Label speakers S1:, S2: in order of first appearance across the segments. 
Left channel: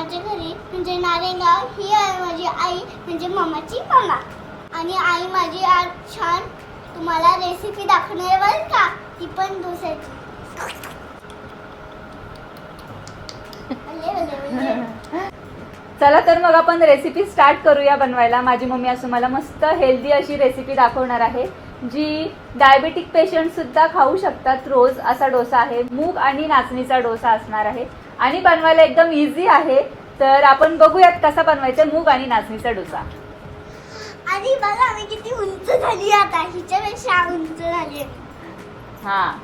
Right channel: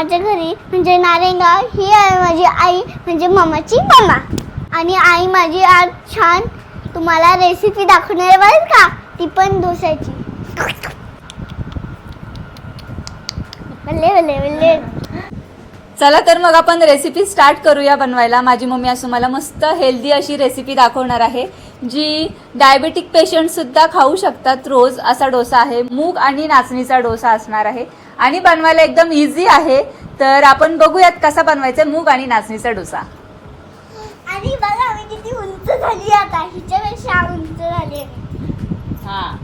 S1: मामाच्या घरी म्हणजे नारेगाव ही आहे माझी आई म्हणजे मामाची मामा. आणि आई माझी आज छान तुम्हाला रेसिपी दाखवणार आहे बरं का? ती पण डोस्याची भले भले भले.
S2: चला तर मग आपण रेसिपी स्टार्ट करूया बनवायला. माझी मम्मी असं मला मस्त हेल्दी अशी रेसिपी दाखवणार आहे जी डायबेटिक पेशंट सुद्धा खाऊ शकतात रोज. असा डोसा आहे मूग आणि नाचणीचा डोसा असणार आहे. आणि बनवायला एकदम इझी आहे. तर आपण बघूयात कसा बनवायचा मूग आणि नाचणीचा डोसा.
S1: आणि बघा मी किती उंच झाली आता. हिच्यापेक्षा उंच झाली.
S2: हा.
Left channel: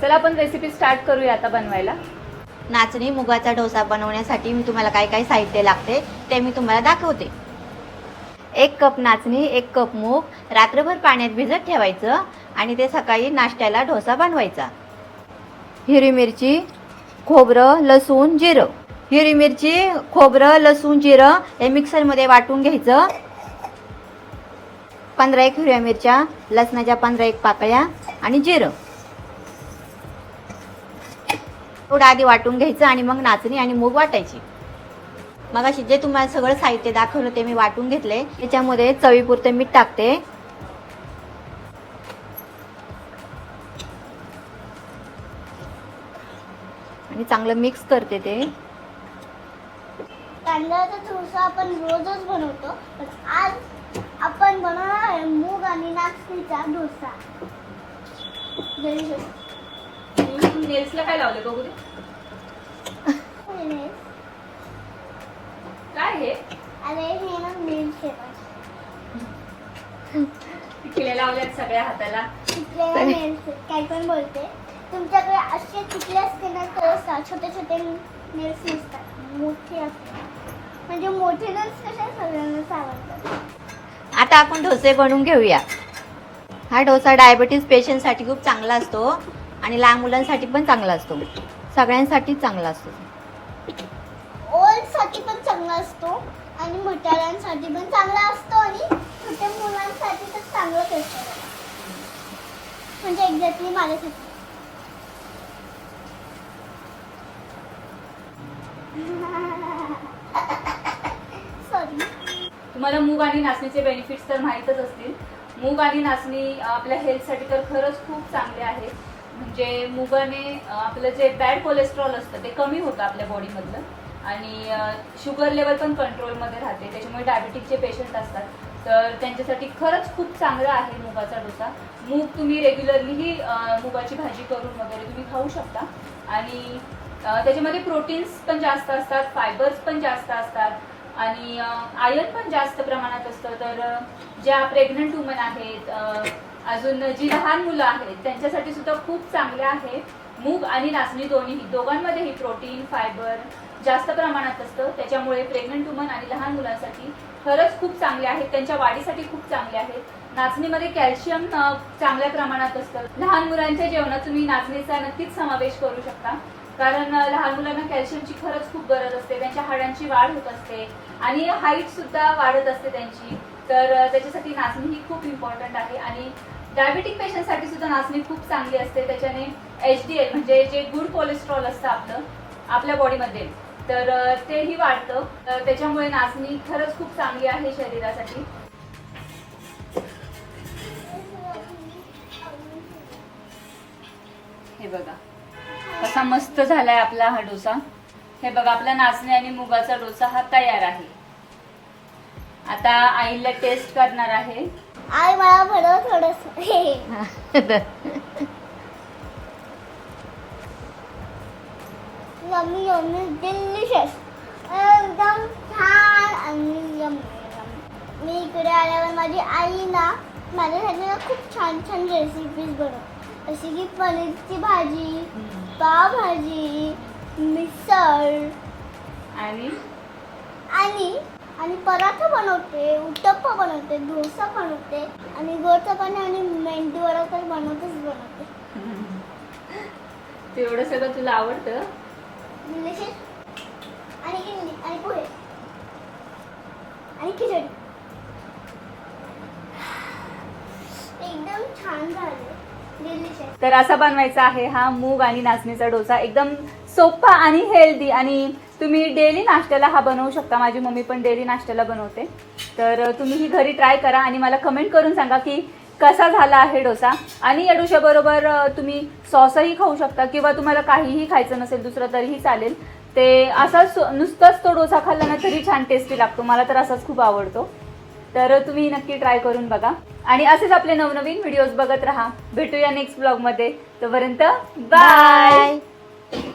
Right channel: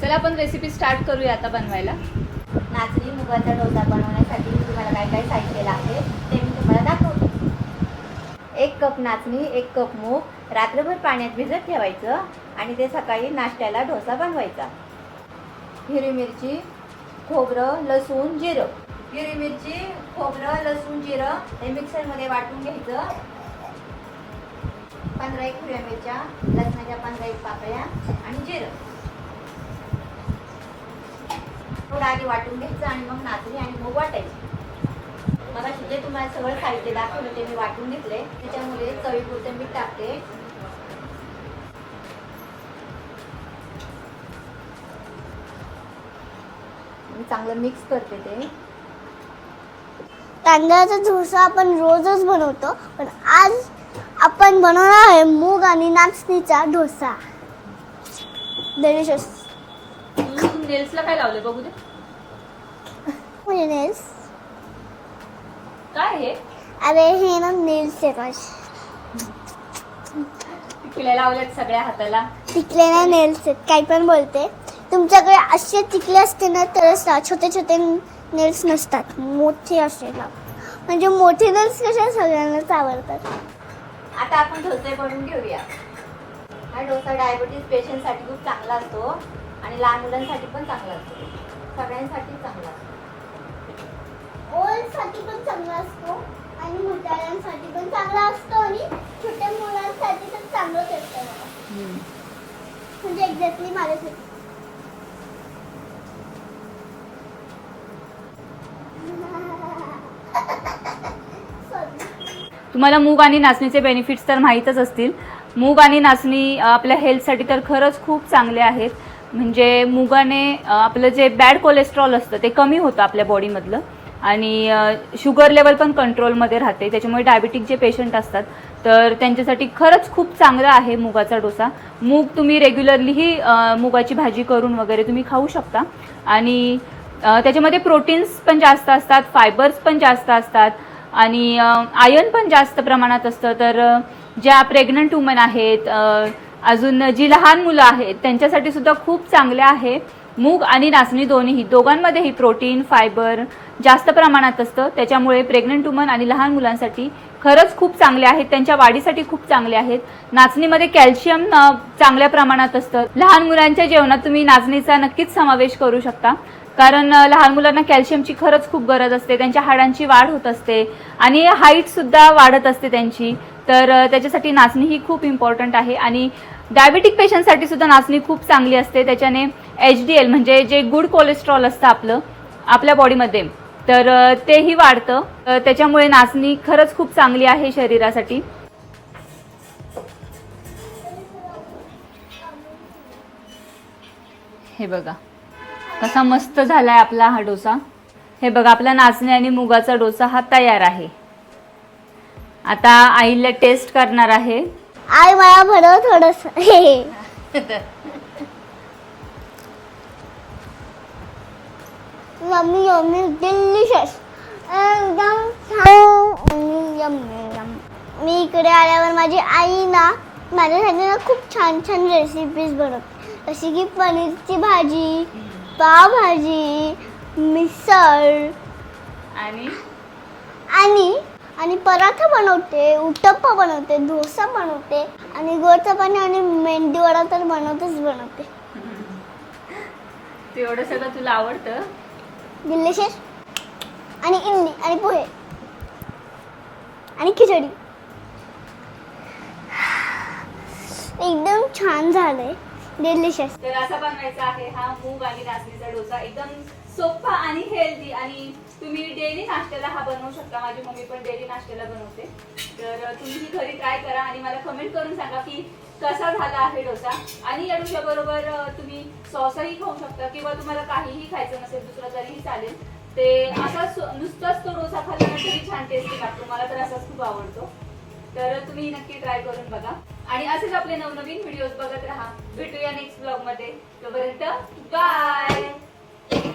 S2: चला आपण रेसिपी स्टार्ट करूया आता बनवायला.
S3: नाचणी मुगाचा डोसा बनवण्यासाठी मी तुम्हाला काय काय साहित्य लागते ते मी तुम्हाला दाखवते. एक कप नाचणी एक कप मूग रात्रभर पाण्यात भिजत ठेवायचं आणि ते सकाळी नाश्त्याला डोसा बनवायचा. हिरवी मिरची खोबरं लसूण जिरं. हिरवी मिरची खोबरं लसूण जिरं हे मिक्सरमध्ये वाटून घ्यायचं. पंधरा एक हिरव्या मिरच्या लसणाच्या पंधरा एक पाकळ्या आणि जिरं. थोडं आधी वाटून घ्यायचं आणि मग नाचणी आणि मूग वाटायची. मग अशी जे तुम्हाला सगळं साहित्य दाखवलं ते मी वाटून घेतले. त्याच्यामध्ये चवीपुरते मीठ टाकते. आणि चांगलं मिक्स करते ते.
S1: तांदळाचा डोसा आपण रोजच बनवतो पण आज आपण बनवणार आहे मूग आणि नाचणीचा डोसा. डिलिशियस
S2: नेल्सला काय लावले बघू दे.
S1: नेल्स?
S2: काय हे?
S1: अरे हे ना नेल्स आहे माझे.
S2: टिकले लावल्यात सगळ्या हाताला.
S1: टिकले ना नेल्स आहेत. काही पण बोलते. तुमच्याकडे असे टिकले असते ना तरच ना छोटे छोटे नेल्स नसतात. मोठे असे ना. म्हणजे मोठे नेल्स कशा सगळ्यांनाच आवडतात
S3: आता आपण डोसे बनवून घेऊया. हा डोसा डायबिटीज पेशंटसाठी खूप चांगला असतो. आणि लहान मुलांसाठी पण चांगला असतो सगळ्यांसाठी चांगला असतो
S1: ओल्डसाठी पण चांगला असतो आणि म्हाताऱ्यांसाठी पण चांगला असतो आणि छोट्या मुलांसाठी तर चांगलंच असतं. म्हणजे एक्झॅक्टली माझ्यासाठी.
S2: तुम्हाला मूग आणि नाचणीचे बेनिफिट्स तर माहीतच असतील मूग आणि नाचणी आपल्या हेल्थसाठी तर खरंच खूप चांगले आहेत म्हणजे मुगाने आपलं जे बॅड कोलेस्ट्रॉल असतं ते कमी होतं आपल्या बॉडीमधलं आणि शुगर लेवल पण कंट्रोलमध्ये राहते. त्याच्यामुळे डायबिटिक जे पेशंट असतात तर त्यांच्यासाठी खरंच खूप चांगला आहे मुगाचा डोसा. मूग तुम्ही रेग्युलरलीही मुगाची भाजी करून वगैरे तुम्ही खाऊ शकता. आणि त्याच्यामध्ये प्रोटीन्स पण जास्त असतात फायबर्स पण जास्त असतात. आणि आयर्न पण जास्त प्रमाणात असतं. तर ज्या प्रेग्नंट वुमन आहेत अजून जी लहान मुलं आहेत त्यांच्यासाठी सुद्धा खूप चांगले आहे. मूग आणि नाचणी दोन्हीही दोघांमध्येही प्रोटीन फायबर जास्त प्रमाणात असतं. त्याच्यामुळे प्रेग्नंट वुमन आणि लहान मुलांसाठी खरंच खूप चांगले आहेत. त्यांच्या वाढीसाठी खूप चांगले आहेत. नाचणीमध्ये कॅल्शियम चांगल्या प्रमाणात असतं. लहान मुलांच्या जेवणात तुम्ही नाचणीचा नक्कीच समावेश करू शकता. कारण लहान मुलांना कॅल्शियमची खरंच खूप गरज असते. त्यांच्या हाडांची वाढ होत असते आणि हाईट सुद्धा वाढत असते त्यांची. तर त्याच्यासाठी नाचणी ही खूप इम्पॉर्टंट आहे. आणि डायबिटिक पेशंटसाठी सुद्धा नाचणी खूप चांगली असते. त्याच्याने एच डी एल म्हणजे जे गुड कोलेस्ट्रॉल असतं आपलं आपल्या बॉडीमध्ये तर तेही वाढतं. त्याच्यामुळे नाचणी खरंच खूप चांगली आहे शरीरासाठी. हे बघा. कसा मस्त झालाय आपला हा डोसा. हे बघा आपला नाचणी आणि मुगाचा डोसा हा तयार आहे. आता आईला टेस्ट करणार आहे.
S1: आई मला भरव थोडस. मम्मी मम्मी डिलिशियस एकदम छान आणि यम यम. मी इकडे आल्यावर माझी आई ना माझ्यासाठी ना खूप छान छान रेसिपीज बनवते. जशी की पनीरची भाजी पावभाजी मिसळ.
S2: आणि?
S1: आणि आणि पराठा बनवते उत्तप्पा बनवते डोसा बनवते आणि गोड चपाती आणि मेंदी वडा तर बनवतेच बनवते.
S2: तू एवढं सगळं तुला आवडतं?
S1: डिलिशियस. आणि इडली आणि पोहे आणि खिचडी. एकदम छान झालंय. डिलिशियस.
S2: तर असा बनवायचा आहे हा मूग आणि नाचणीचा डोसा. एकदम सोपा आणि हेल्दी आणि तुम्ही डेली नाश्त्याला हा बनवू शकता. माझी मम्मी पण डेली नाश्त्याला बनवते. तर तुम्ही ही घरी ट्राय करा आणि मला कमेंट करून सांगा की कसा झाला आहे डोसा. आणि या डोशाबरोबर तुम्ही सॉसही खाऊ शकता किंवा तुम्हाला काहीही खायचं नसेल दुसरं तरीही चालेल. ते असाच नुसताच तो डोसा खाल्ला ना तरी छान टेस्टी लागतो. मला तर असाच खूप आवडतो. तर तुम्ही नक्की ट्राय करून बघा. आणि असेच आपले नवनवीन व्हिडिओज बघत राहा. भेटूया नेक्स्ट ब्लॉगमध्ये तोपर्यंत बाय
S3: बाय